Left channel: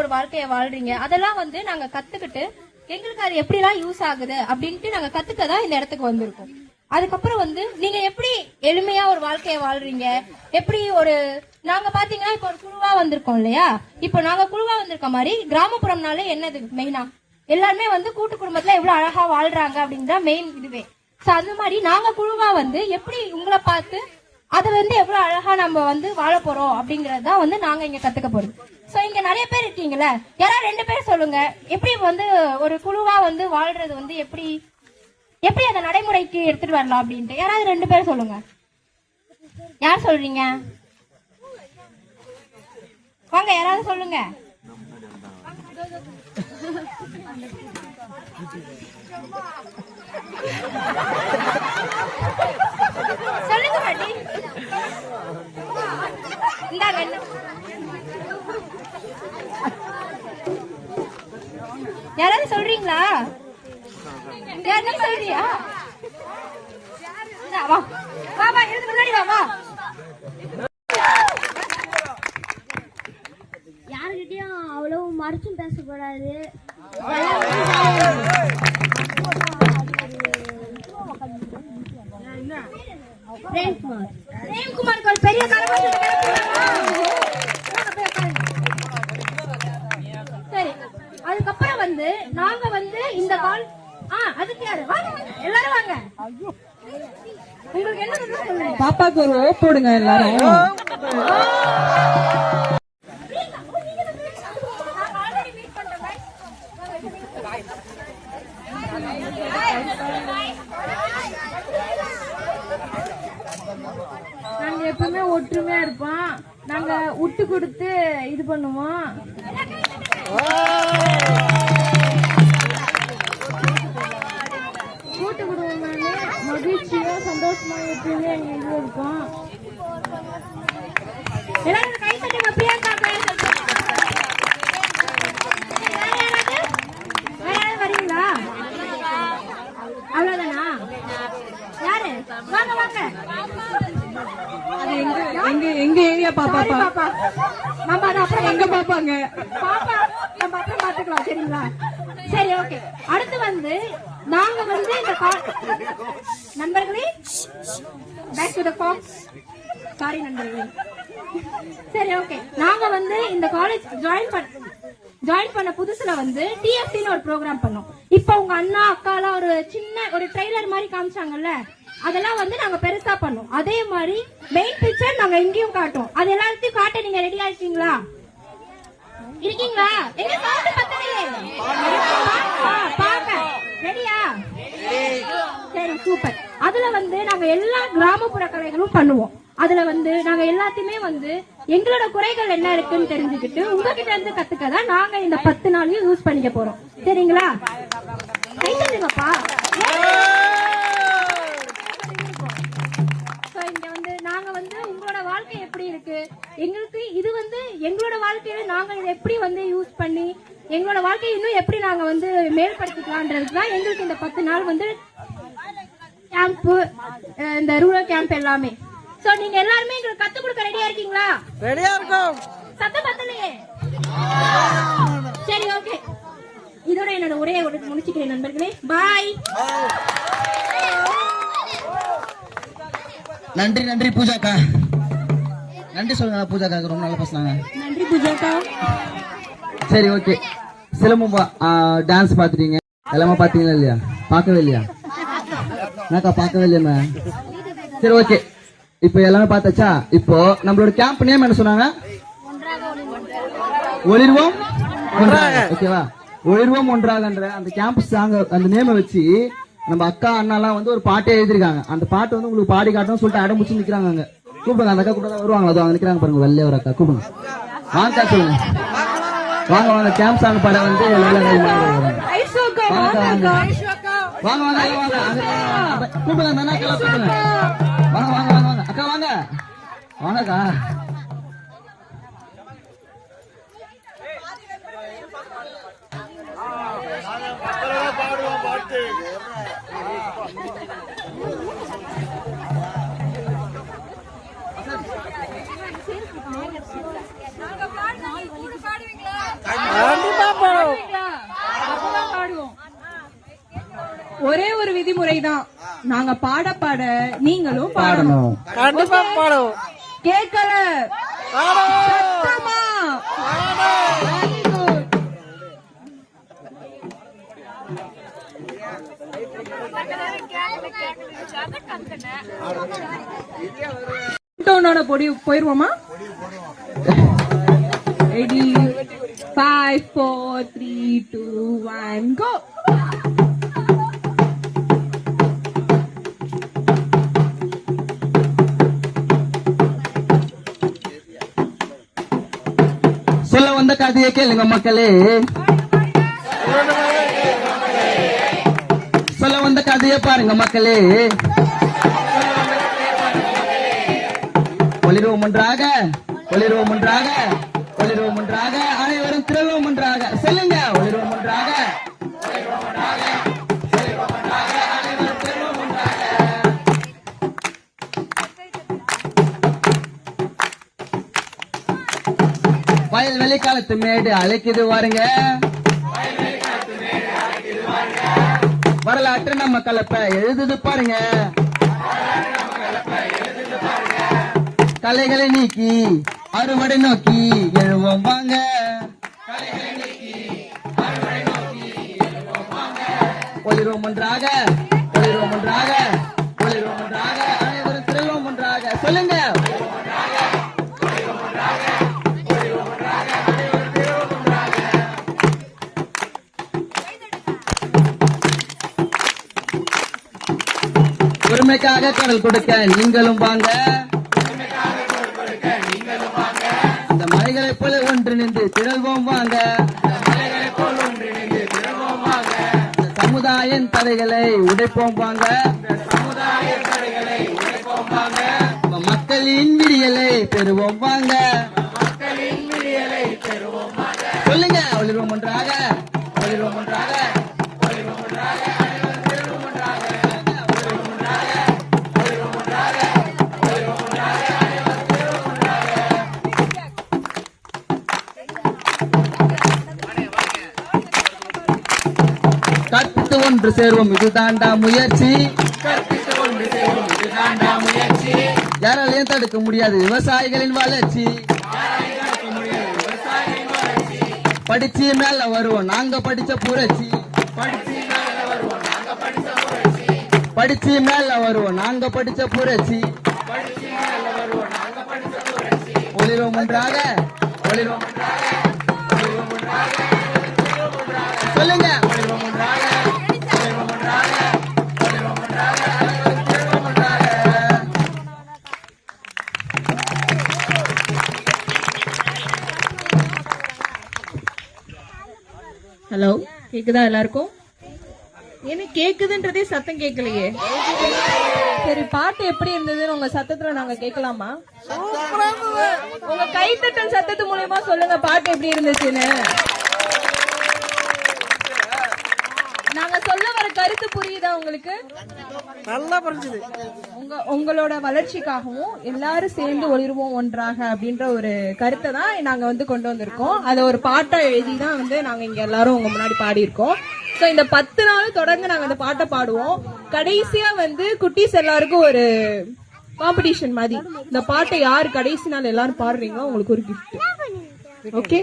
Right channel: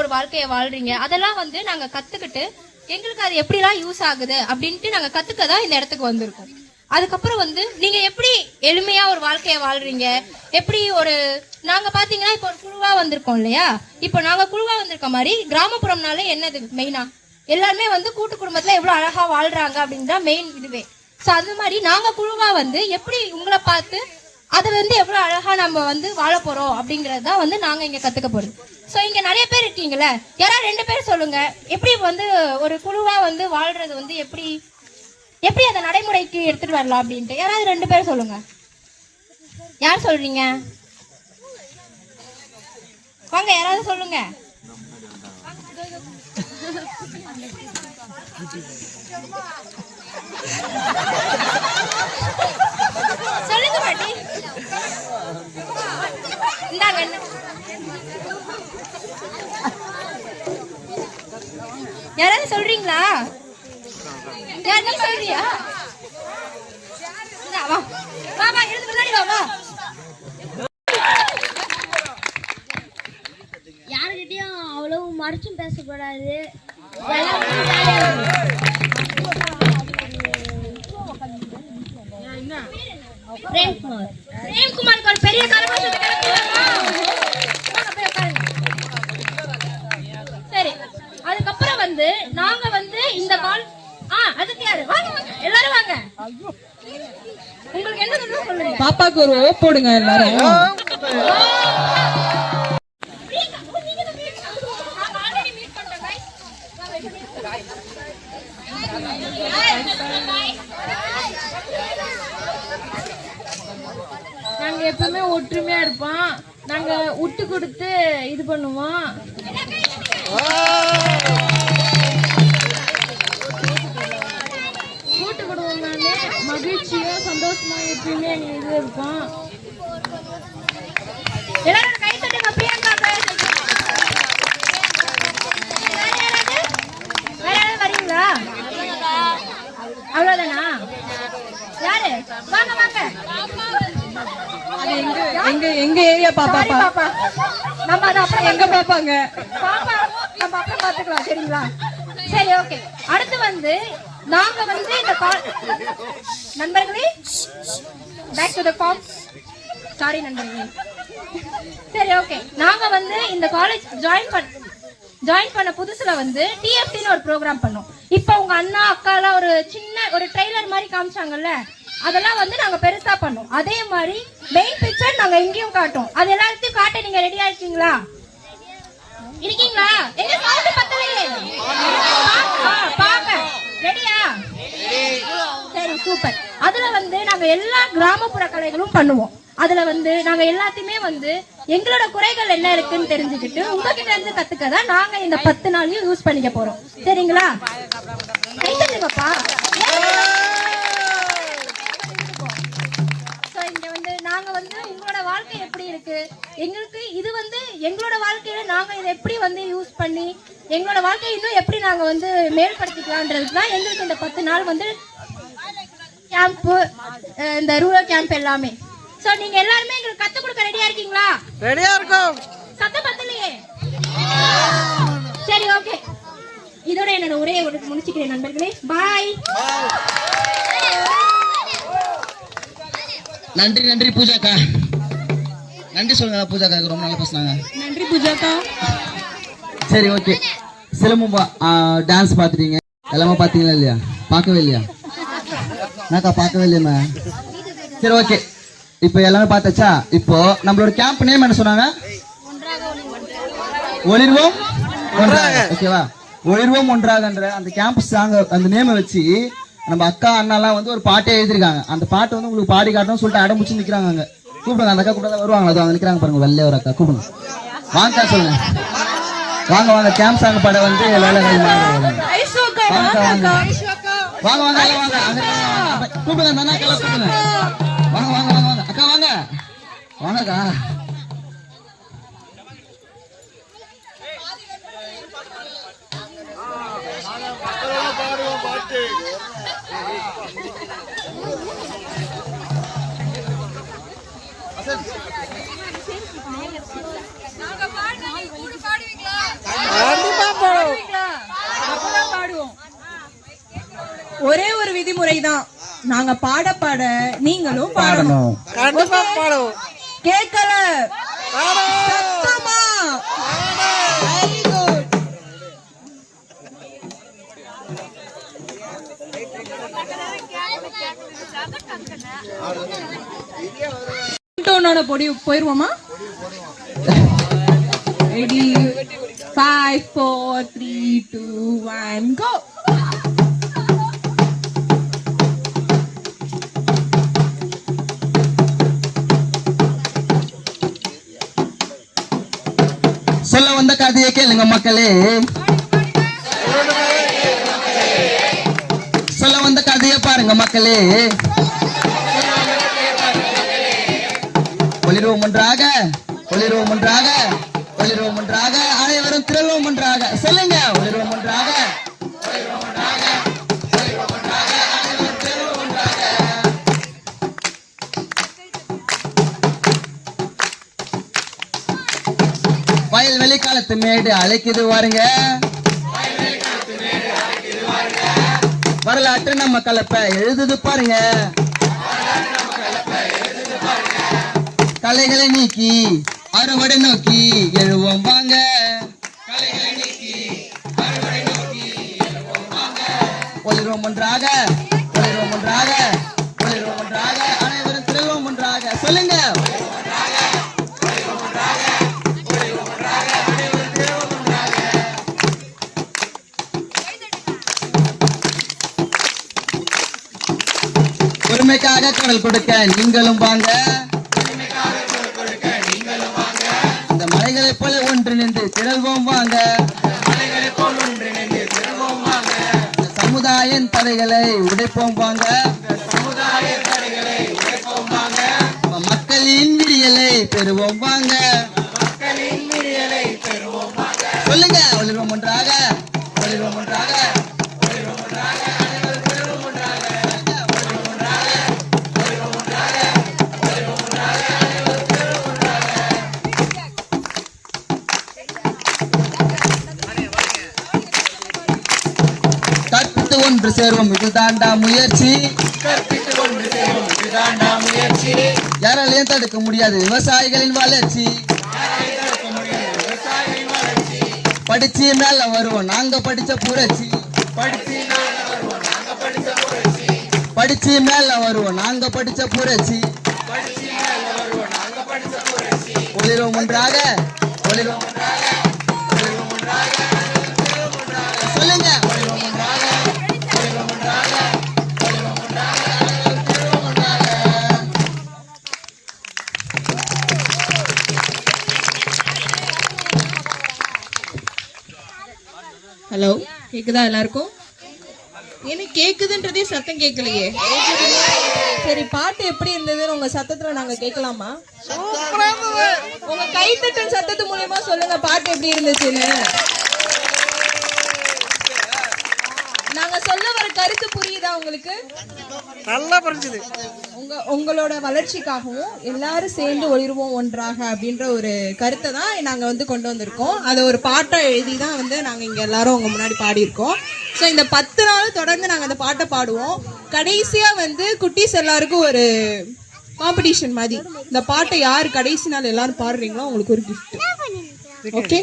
ஒரு வாழ்க்கைய வாழ்றீங்க அதெல்லாம் வந்து நாங்க கத்துக்கிட்டு எங்களுக்கு அது எப்படிலாம் யூஸ் ஆகுது அப்படின்ட்டு நாங்க கத்துக்க தான் இந்த இடத்துக்கு வந்திருக்கோம். அதுக்கப்புறம் வந்து நீங்க எப்படி எளிமையா ஒரு வாழ்க்கைய வாழ்றீங்க? எப்படி ஒரு நாங்க பாத்தீங்கன்னா இப்போ ஒரு குழுவா வந்திருக்கோம் இல்லையா? இப்போ நாங்க குழுவா வந்திருக்க மாதிரி கிராமப்புறம்னாலே என்னது மெயினா எல்லாருமே வந்து கூட்டு குடும்பத்துல எவ்வளவு அழகா வாழ்றாங்க அப்படின்ற மெயின் இதுவே. சோ அது மாதிரி நாங்க குழுவா வந்து எப்படி உங்களை பார்த்து அதை வந்து எவ்வளோ அழகா நம்ம வந்து வாழ போறோம் அப்படிங்கறது தான் வந்து நாங்க இங்க கத்துக்க போறோம். ஸோ இங்க நிறைய பேர் இருக்கீங்களே யாராவது ரெண்டு பேர் சொல்லுங்க. எப்படி வந்து ஒரு குழுவா வந்து வாழ்றது வந்து எப்படி எப்படி அதை நடைமுறைக்கு எடுத்துட்டு வரலாம் அப்படின்ட்டு. யாராவது ரெண்டு பேர் சொல்லுங்க. யார் சொல்றீங்க? வாங்க யாராவது சொல்லுங்க. சொல்லுங்க பாட்டி. இந்தாங்க என்ன யாராவது சொல்றீங்களா? யார் நீ சொல்றியா? இந்தா, வா. வா வா எழுந்து முன்னாடி வா வா. யாருக்கிட்டையும் அவ்வளவு மறைச்சும் பேசக்கூடாது. பிரேம்குமார் பிரேம்குமாருக்கு ஒரு பெரிய கரகோஷத்தை சரி அதுக்கப்புறம் வந்து நாங்க வந்து இந்த கால் ஆ அதுக்கு யாரு? வாங்க வாங்க எல்லாரும் வாங்க. உங்களுக்கு என்ன தெரியும் சொல்லுங்க. பாப்பாக்கு ஒரு ஓ போடுங்க எல்லாரும் பிரியங்கா, ஓ, நீங்க தான் பிரியங்கா. நாங்க already meet பண்ணிட்டோம், guys. வாங்க, இப்ப நீங்க. நாங்க எப்பவுமே ஒற்றுமையா இருப்போம் நாங்க விட்டு கொடுத்து இது பண்ணுவோம். கூட்டு குடும்பம்னாலே மகிழ்ச்சியோ சந்தோஷமா எப்பயுமே இது இருக்கும். எல்லாரும் கை தட்டுங்க, பிரியங்கா பேர் சொல்லுங்க. வேற யாராவது? வேற யாராவது வரீங்களா? அவ்வளவுதானா? யாரு? வாங்க, வாங்க. எங்க எங்க எங்க ஏரியா பாப்பா சாரி, பாப்பா. நம்ம அதை அப்புறம் எங்க பாப்பாங்க? பாப்பா, நம்ம அப்புறம் பார்த்துக்கலாம், சரிங்களா? சரி ஓகே. அடுத்து வந்து நாங்க வந்து இந்த நண்பர்களே back to the call sorry நண்பர்களே. சரி ஓகே. நாங்க வந்து இந்த காலேஜ் ஜாயின் பண்ண ஜாயின் பண்ண புதுசுல வந்து டிஎஃப்டின்னு ஒரு ப்ரோக்ராம் பண்ணோம். இப்போ உங்க அண்ணா அக்கா எல்லாம் ஒரு சின்ன ஒரு ட்ரெய்லர் மாதிரி காமிச்சாங்கல்ல அதெல்லாம் வந்து நாங்க பெருசா பண்ணோம். அதே மாதிரி மெயின் பிக்சர் நாங்க எங்கேயும் காட்டோம். அது எல்லாத்தையும் காட்ட நீங்க ரெடியா இருக்கீங்களா? இருக்கீங்களா? எங்க சவுண்ட் பத்தலையே ரெடியா? சரி சூப்பர். அதுல வந்து நாங்க எல்லா கிராமப்புற கலைகளும் பண்ணுவோம். அதுல வந்து நாங்க எல்லாத்தையுமே வந்து எங்களோட குறைகள் என்ன இருக்குன்னு தெரிஞ்சுக்கிட்டு உங்ககிட்ட இருந்து கத்துக்கதான் நாங்க இந்த பத்து நாளையும் யூஸ் பண்ணிக்க போறோம். சரிங்களா? வாழ்க்கையை இன்னும் எப்படி நாங்க வந்து மேம்படுத்திக்கலான்றது தான் எங்களுக்கு இந்த பத்து நாள் வந்து கேம்ப் இந்த ரூரல் கேம்ப் எல்லாமே. சோ நீங்க எல்லாருமே எங்களுக்கு கத்து கொடுக்க ரெடியா இருக்கீங்களா? ரெடியா இருக்கும். சத்தம் பத்தலையே. சரி ஓகே இதோட என்னோட உரையை முடிச்சுக்கிறேன் நண்பர்களே. பாய் நன்றி நன்றி பூஜாக்கா. நன்றி சொல்லுங்க பூஜாக்கா ரொம்ப நல்லா பேசுனாங்க. நன்றி பூஜாக்கா. சரி ஓகே சிலம்பம் டான்ஸ் பார்த்துட்டீங்க. எல்லாமே பார்த்தீங்களா இல்லையா? பார்க்கவே இல்லையா? என்னக்கா பார்க்கவே இல்லையா சரி ஓகே இப்போ எல்லாமே பார்த்தாச்சா? இப்போ நம்மளோட கேம்ப் நேம் என்ன சொன்னாங்க? ஒளிர்வோம் ஓகேவா ஒளிர்வோம் ஒன்றாகன்ற அந்த கேம்ப் சாங் அந்த நேமை வச்சு நம்ம அக்கா அண்ணாலாம் வந்து ஒரு பாட்டே எழுதிருக்காங்க அந்த பாட்டு வந்து உங்களுக்கு பாடி காட்டணும் சொல்லிட்டு அடம்பிச்சு நிக்கிறாங்க அங்க. கூப்பிடுங்க அந்த அக்கா கூட வருவாங்க. அது அவங்க நிக்கிறாங்க பாருங்க வெள்ளை ஒரு அக்கா. கூப்பிடுங்க. வாங்க சொல்லுங்க. வாங்க வாங்க கேம்ப் சாங் பாட வந்து வாங்க. வாங்க. கூப்பிடுங்க வாங்க வாங்க வாங்க அக்கா வாங்க வாங்கக்கா அப்பதான் பாடுவோம் ஒரே ஒரு விதிமுறை தான் நாங்க பாட பாட நீங்களும் பாடணும். கண்டிப்பா பாடுவோம் கேட்கல. பொடி. போயிருவோமா five, four, three, two, one, go. சொல்ல வந்த கதையை கேளுங்க மக்களே சொல்ல வந்த கதையை பாருங்க மக்களே ஒளிர்வோம் ஒன்றாக ஒளிர்வோம் ஒன்றாக ஒளிர்வோம் ஒன்றாக செல்வம் ஒன்றாக. சொல்லுங்க. ஒன்றாக வயல் வெளிக்காலத்து மேடு அழைக்குது வாருங்க. வரலாற்று நம்ம கலப்ப எழுதுது பாருங்க. கலைகளை நீக்கி அறுவடை நோக்கி எழுவோம் வாங்க. ஒன்றாக ஒளிர்வோம் ஒன்றாக ஒளிர்வோம் ஒன்றாக அனைவரும் திரள்வோம் ஒன்றாக. சொல்லுங்க. பெருமைக்காக குரல் கொடுக்க நீங்களும் வாங்க. தடைகளை உடைப்போம் வாங்க. மக்களின் விடியலை பெறுவோம் வாங்க. சேர்வோம் இதுதாண்டா முயற்சி. யாராலையும் தடுக்க முடியாது விவசாயிகளின் வளர்ச்சி. படிச்சு மேல வருவோம் நாங்க படிச்ச புரட்சி. படிச்சு மேல வருவோம் நாங்க படிச்ச புரட்சி. ஒளிரோம் ஒன்றாக ஒளிரோம் ஒன்றாக. கேக்குதா எல்லாருக்கும்? என்ன கேக்குதுன்றதே சத்தம் கேட்கலையே சரி பாட்டு எப்படி இருந்ததுன்னு உங்க சத்தத்துல நாங்க கேட்கலாமா உங்க கைத்தட்டல் சத்தத்து மூலமா சொல்லுங்க பாட்டு எப்படி இருந்துச்சுன்னு நாங்க சொல்ல வர புரியுதா உங்களுக்கு? நல்லா புரிஞ்சுது. உங்க உங்களோட வளர்ச்சிக்காகவும் எல்லாரும் சேர்ந்து ஒளிர்வோம் ஒன்றாக அப்படின்ற ஒரு கருத்தை தான் நாங்க வந்து கொண்டு வந்திருக்கோம். அதை ஒரு பாட்டா எழுதி தான் வந்து நாங்க இங்க எல்லாரும் உங்க முன்னாடி பாடியிருக்கோம். ஸோ இந்த பத்து நாள் தொடர்ந்து நாங்க இந்த பாட்டை பாடுவோம். கடைசியா வந்து குட்டீஸ் எல்லாருக்கும் ஒரு காம்படிஷன் மாதிரி. இந்த பாட்டை யார் கடைசி நாள் எல்லாரும் பாடுறீங்களோ உங்களுக்கு ஒரு gift. ஓகே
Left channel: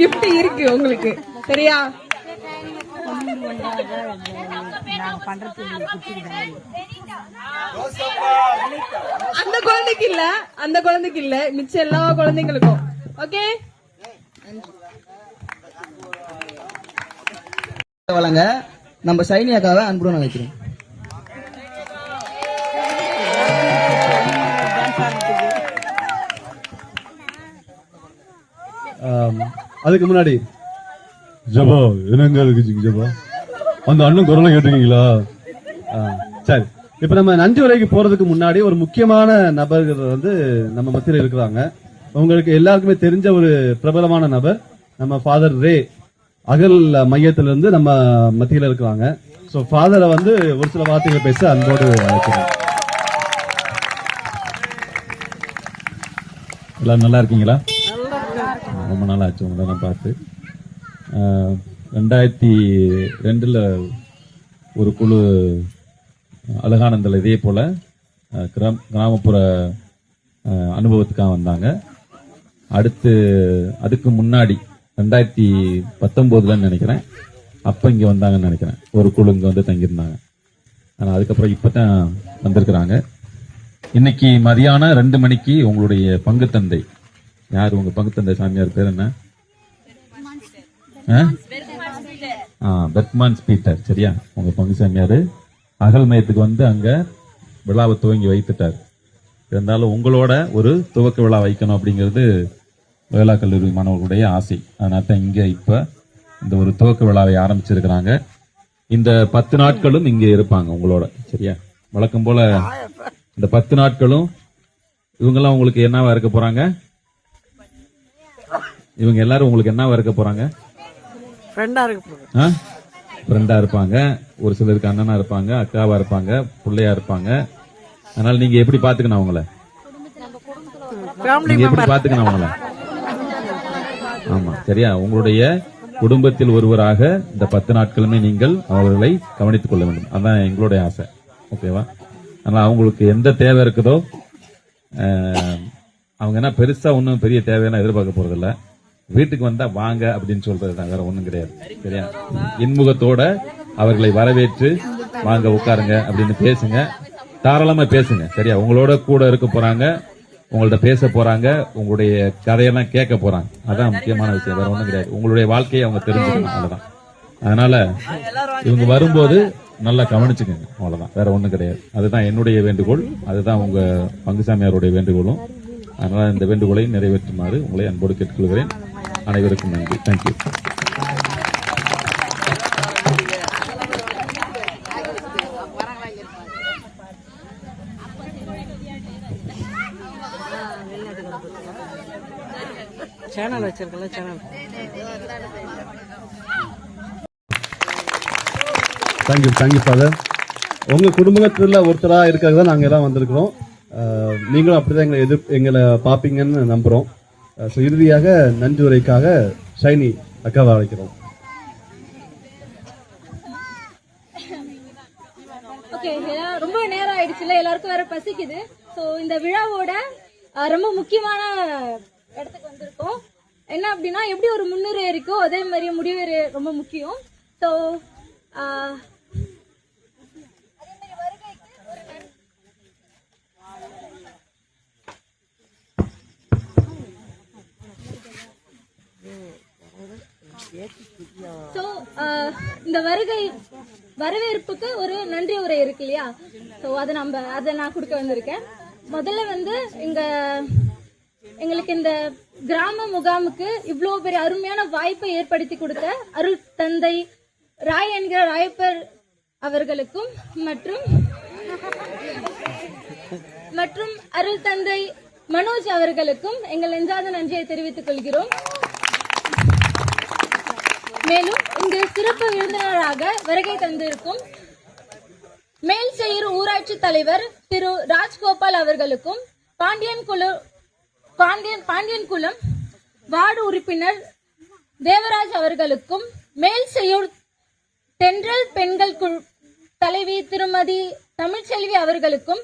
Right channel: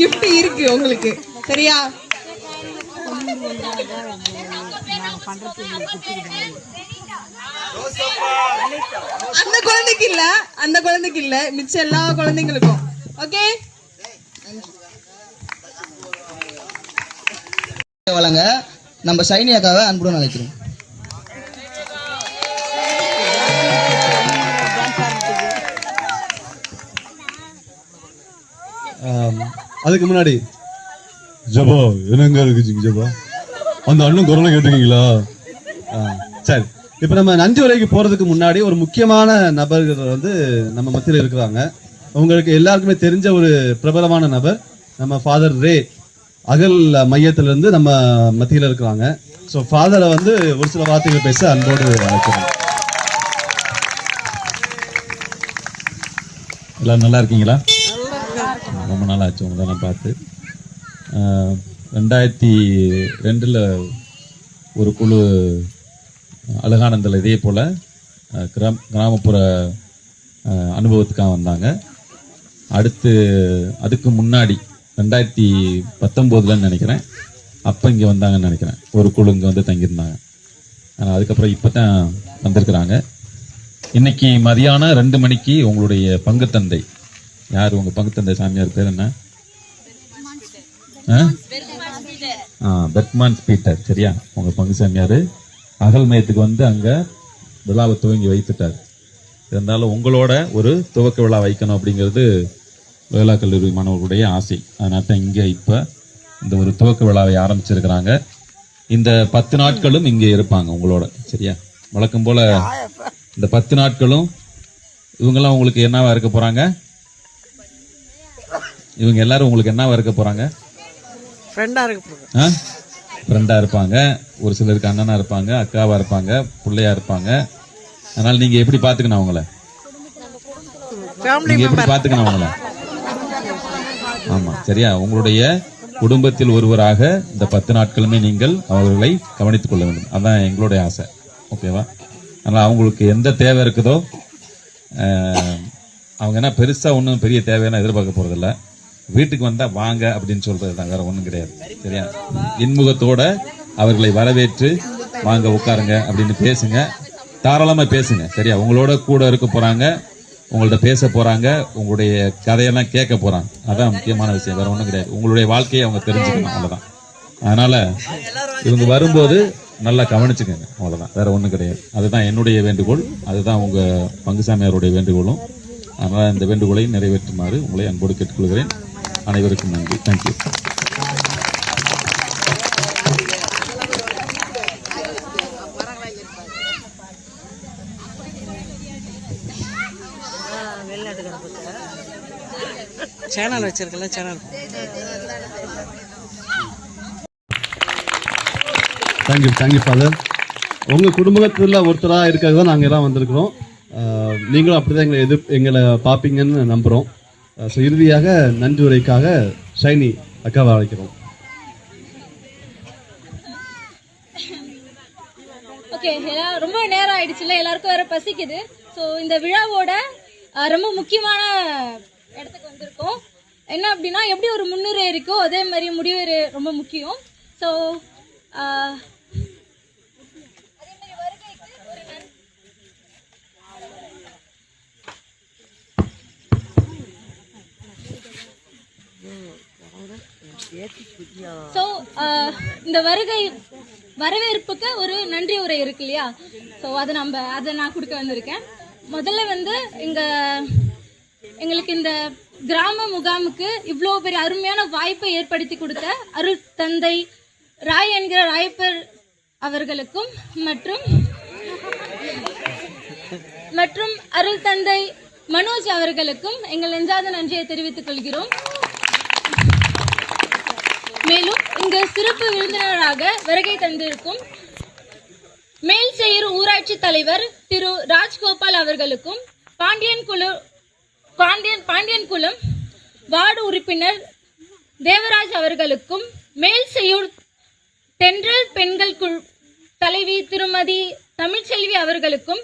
gift இருக்கு உங்களுக்கு. சரியா? அந்த குழந்தைக்கு இல்ல அந்த குழந்தைக்கு இல்ல. மிச்ச எல்லா குழந்தைங்களுக்கும். ஓகே வழங்க நம்ம சைனி அக்காவை அன்புடன் அழைக்கிறோம். அதுக்கு முன்னாடி ஜபா என்னங்க இருக்கு ஜபா. அந்த அண்ணன் குரலை கேட்டிருக்கீங்களா? ஆ, சரி. இப்ப நம்ம நன்றி உரைக்கு போறதுக்கு முன்னாடி ஒரு முக்கியமான நபர்கள் வந்து நம்ம மத்தியில இருக்கிறாங்க. உங்களுக்கு எல்லாருக்குமே தெரிஞ்ச ஒரு பிரபலமான நபர் நம்ம ஃபாதர் ரே அகல் மையத்துல இருந்து நம்ம மத்தியில இருக்கிறாங்க. ஸோ ஃபாதரை வந்து ஒரு சில வார்த்தைகள் பேச அன்போடு அழைக்கிறோம் எல்லாம் நல்லா இருக்கீங்களா? ரொம்ப நாள் ஆச்சு உங்களை நான் பார்த்து. ரெண்டாயிரத்தி ரெண்டில் ஒரு குழு அழகானந்தில் இதே போல் கிராம கிராமப்புற அனுபவத்துக்காக வந்தாங்க. அடுத்து அதுக்கு முன்னாடி ரெண்டாயிரத்தி பத்தொம்போதுலன்னு நினைக்கிறேன். அப்போ இங்கே வந்தாங்கன்னு நினைக்கிறேன். ஒரு குழு இங்கே வந்து தங்கியிருந்தாங்க. அதுக்கப்புறம் இப்போ தான் வந்திருக்கிறாங்க. இன்னைக்கு மதியானம் ரெண்டு மணிக்கு உங்களுடைய பங்குத்தந்தை யார் உங்கள் பங்குத்தந்தை சாமியார் பேர் என்ன? ஆ? பெர்க்மான் பீட்டர் சரியா? உங்க பங்கு சாமியார். அகல் மையத்துக்கு வந்து அங்க விழாவை துவங்கி வைத்துட்டார். இருந்தாலும் உங்களோட ஒரு துவக்க விழா வைக்கணும் அப்படிங்கிறது வேளா கல்லூரி மாணவர்களுடைய ஆசை. அதனால தான் இங்க இப்ப இந்த ஒரு துவக்க விழாவை ஆரம்பிச்சிருக்கிறாங்க. இந்த பத்து நாட்களும் இங்கே இருப்பாங்க உங்களோட சரியா? வழக்கம் போல இந்த பத்து நாட்களும் இவங்கெல்லாம் உங்களுக்கு என்னவா இருக்க போறாங்க? இவங்க எல்லாரும் உங்களுக்கு என்னவா இருக்க போறாங்க? ஃப்ரெண்டா இருக்க போறேன் ஆ? ஃப்ரெண்டா இருப்பாங்க. ஒரு சிலருக்கு அண்ணனா இருப்பாங்க அக்காவா இருப்பாங்க பிள்ளையா இருப்பாங்க. அதனால நீங்க எப்படி பாத்துக்கணும் அவங்கள? ஃபேமிலி நீங்க எப்படி பாத்துக்கணும் அவங்கள? ஆமா சரியா. உங்களுடைய குடும்பத்தில் ஒருவராக இந்த பத்து நாட்களுமே நீங்கள் அவர்களை கவனித்துக் கொள்ள வேண்டும். அதான் எங்களுடைய ஆசை. ஓகேவா? அதனால அவங்களுக்கு எந்த தேவை இருக்குதோ அவங்க என்ன பெருசா ஒன்றும் பெரிய தேவையான எதிர்பார்க்க போறதில்ல. வீட்டுக்கு வந்தா வாங்க அப்படின்னு சொல்றது தான் வேற ஒண்ணும் கிடையாது. சரியா? இன்முகத்தோட அவர்களை வரவேற்று வாங்க உட்காருங்க அப்படின்னு பேசுங்க. தாராளமா பேசுங்க. சரியா? உங்களோட கூட இருக்க போறாங்க உங்கள்ட்ட பேச போறாங்க உங்களுடைய கதையெல்லாம் கேட்க போறாங்க. அதான் முக்கியமான விஷயம். வேற ஒண்ணும் கிடையாது. உங்களுடைய வாழ்க்கையை அவங்க தெரிஞ்சுக்கணும். அவ்வளவுதான். அதனால இவங்க வரும்போது நல்லா கவனிச்சுக்கோங்க. அவ்வளவுதான். வேற ஒண்ணும் கிடையாது. அதுதான் என்னுடைய வேண்டுகோள். அதுதான் உங்க பங்குசாமியாருடைய வேண்டுகோளும். அதனால இந்த வேண்டுகோளை நிறைவேற்றுமாறு உங்களை அன்போடு கேட்டுக்கொள்கிறேன். அனைவருக்கும் நன்றி. Thank you channel வச்சிருக்கல channel thank you thank you father உங்க குடும்பத்துல ஒருத்தரா இருக்கிறது தான் நாங்க எல்லாம் வந்திருக்கிறோம். நீங்களும் அப்படிதான் எங்களை எதிர் எங்களை பார்ப்பீங்கன்னு நம்புறோம். ஸோ இறுதியாக நன்றி உரைக்காக ஷைனி அக்காவை அழைக்கிறோம். ஓகே ரொம்ப நேரம் ஆயிடுச்சுல எல்லாருக்கும் வேற பசிக்குது. ஸோ இந்த விழாவோட ரொம்ப முக்கியமான இடத்துக்கு வந்திருக்கோம். என்ன அப்படின்னா எப்படி ஒரு முன்னுரை இருக்கோ அதே மாதிரி முடிவு ரொம்ப முக்கியம். ஸோ அதே மாதிரி வருகைக்கு ஒரு நன் ஸோ uh, இந்த வருகை வரவேற்புக்கு ஒரு நன்றி உரை இருக்கு இல்லையா? ஸோ அதை நம்ம அதை நான் கொடுக்க வந்திருக்கேன். முதல்ல வந்து எங்கள் எங்களுக்கு இந்த கிராம முகாமுக்கு இவ்வளோ பெரிய அருமையான வாய்ப்பை ஏற்படுத்தி கொடுத்த அருள் தந்தை ராய் என்கிற ராயப்பர் அவர்களுக்கும் மற்றும் மற்றும் அருள் தந்தை மனோஜ் அவர்களுக்கும் எங்கள் நெஞ்சாத நன்றியை தெரிவித்துக் கொள்கிறோம். மேலும் இங்கு சிறப்பு விருந்தினராக வருகை தந்திருக்கும் மேல் செய்யூர் ஊராட்சி தலைவர் திரு ராஜ்கோபால் அவர்களுக்கும் பாண்டியன் குழு பாண்டியன் பாண்டியன் குளம் வார்டு உறுப்பினர் தேவராஜ் அவர்களுக்கும் மேல் செய்யூர் தென்றல் பெண்கள் குழு தலைவி திருமதி தமிழ்ச்செல்வி அவர்களுக்கும்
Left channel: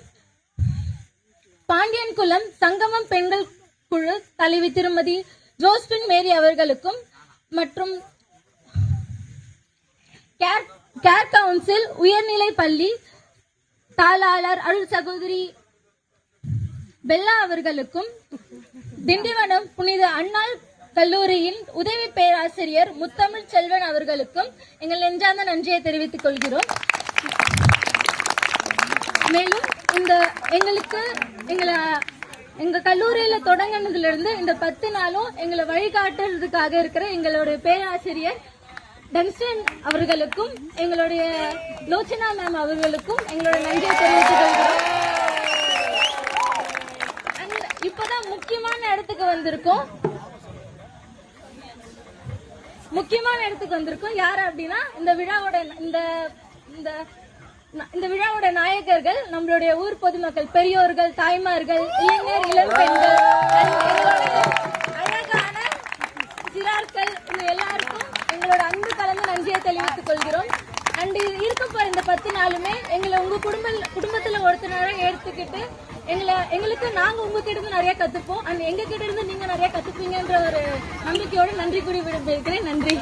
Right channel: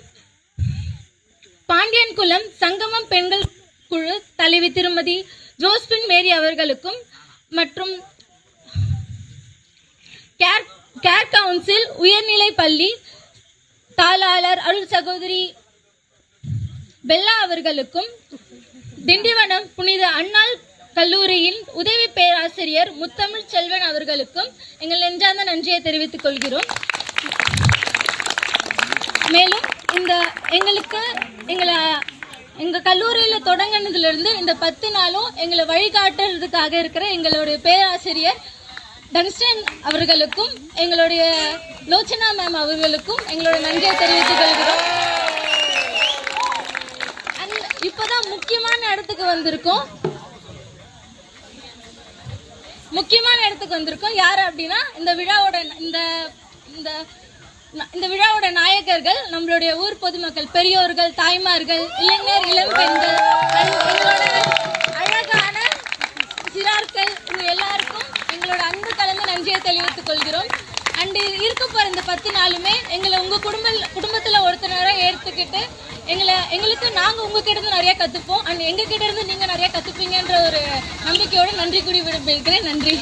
பாண்டியன்குளம் சங்கமம் பெண்கள் குழு தலைவி திருமதி ஜோஸ்பின் மேரி அவர்களுக்கும் மற்றும் கேர் கேர் கவுன்சில் உயர்நிலை பள்ளி தாளாளர் அருள் சகோதரி பெல்லா அவர்களுக்கும் திண்டிவனம் புனித அண்ணாள் கல்லூரியின் உதவி பேராசிரியர் முத்தமிழ் செல்வன் அவர்களுக்கும் எங்கள் நெஞ்சார்ந்த நன்றியை தெரிவித்துக் கொள்கிறோம். மேலும் இந்த எங்களுக்கு எங்களை எங்க கல்லூரியில தொடங்கினதுல இருந்து இந்த பத்து நாளும் எங்களை வழிகாட்டுறதுக்காக இருக்கிற எங்களுடைய பேராசிரியர் டன்ஸ்டன் அவர்களுக்கும் எங்களுடைய லோச்சனா மேம் அவர்களுக்கும் எங்களோட நன்றியை தெரிவித்துக் கொள்கிறோம். இப்பதான் முக்கியமான இடத்துக்கு வந்திருக்கோம். முக்கியமான இடத்துக்கு வந்திருக்கோம். யார் அப்படின்னா இந்த விழாவோட இந்த இந்த இந்த விழாவோட நாயகர்கள் நம்மளுடைய ஊர் பொதுமக்கள் பெரியோர்கள் தாய்மார்கள் இளைஞர் இளம் பெண்கள் அழகான சிறார்கள் இது எல்லாருக்கும் எங்களோட அன்பு நன்றியை தெரிவித்துக் கொள்கிறோம். அண்ட் இருக்க போகிற இந்த பத்து நாளுமே எங்களை உங்க குடும்ப குடும்பத்தில் ஒருத்தனராக எடுத்துக்கிட்டு எங்களை எங்களுக்கு நாங்கள் உங்ககிட்ட இருந்து நிறைய கத்துப்போம். அண்ட் எங்ககிட்ட இருந்து நீங்க நிறைய கற்றுப்பீங்கன்ற ஒரு நம்பிக்கையோட நன்றி கூடி விரும்பியிருக்கிறேன் நன்றி.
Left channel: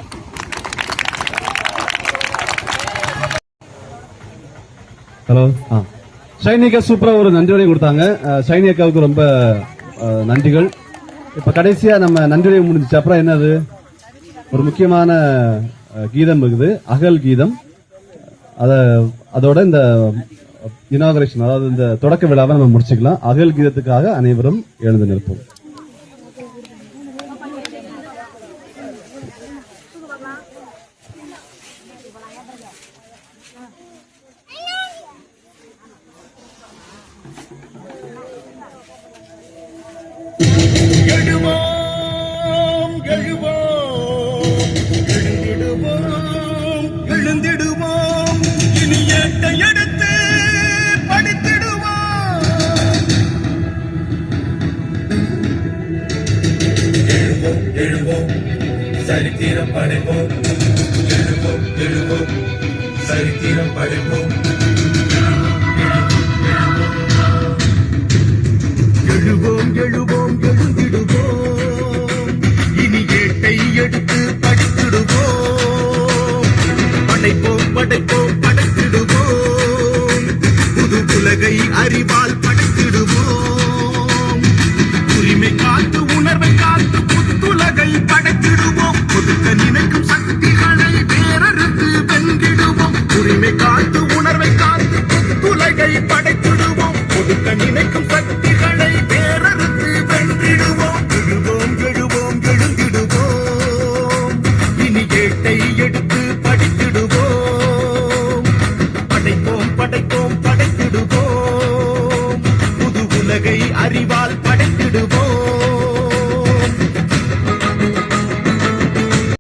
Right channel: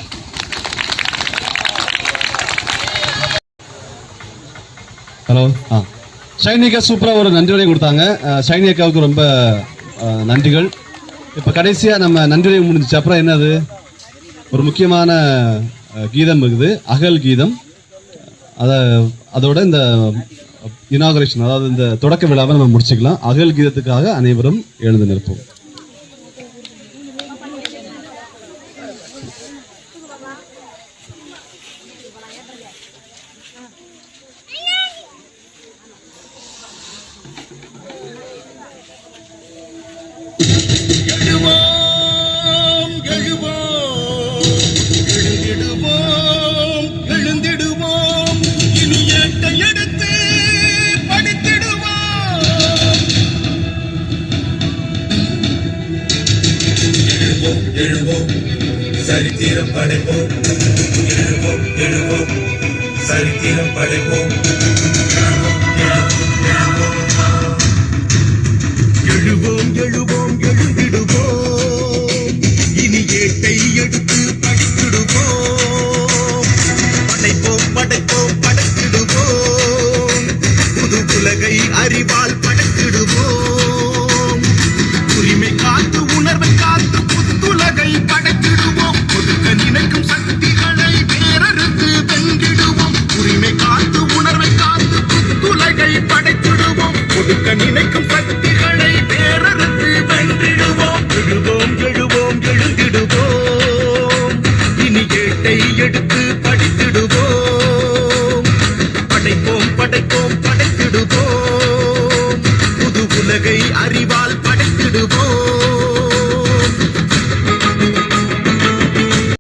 ஹலோ ஆ. ஷைனிகா சூப்பராக ஒரு நன்றியுரை கொடுத்தாங்க. ஷைனிகாவுக்கு ரொம்ப நன்றிகள். இப்போ கடைசியா நம்ம நன்றி முடிஞ்சிச்சு. அப்புறம் என்னது? ஒரு முக்கியமான கீதம் இருக்குது. அகல் கீதம். அதை அதோட இந்த இனாகரேஷன் அதாவது இந்த தொடக்க விழாவை நம்ம முடிச்சுக்கலாம். அகல் கீதத்துக்காக அனைவரும் எழுந்து நிற்போம். எழுவோம் சரித்திரம் படைப்போம். எழுவோம் எழுவோம் சரித்திரம் படைப்போம்.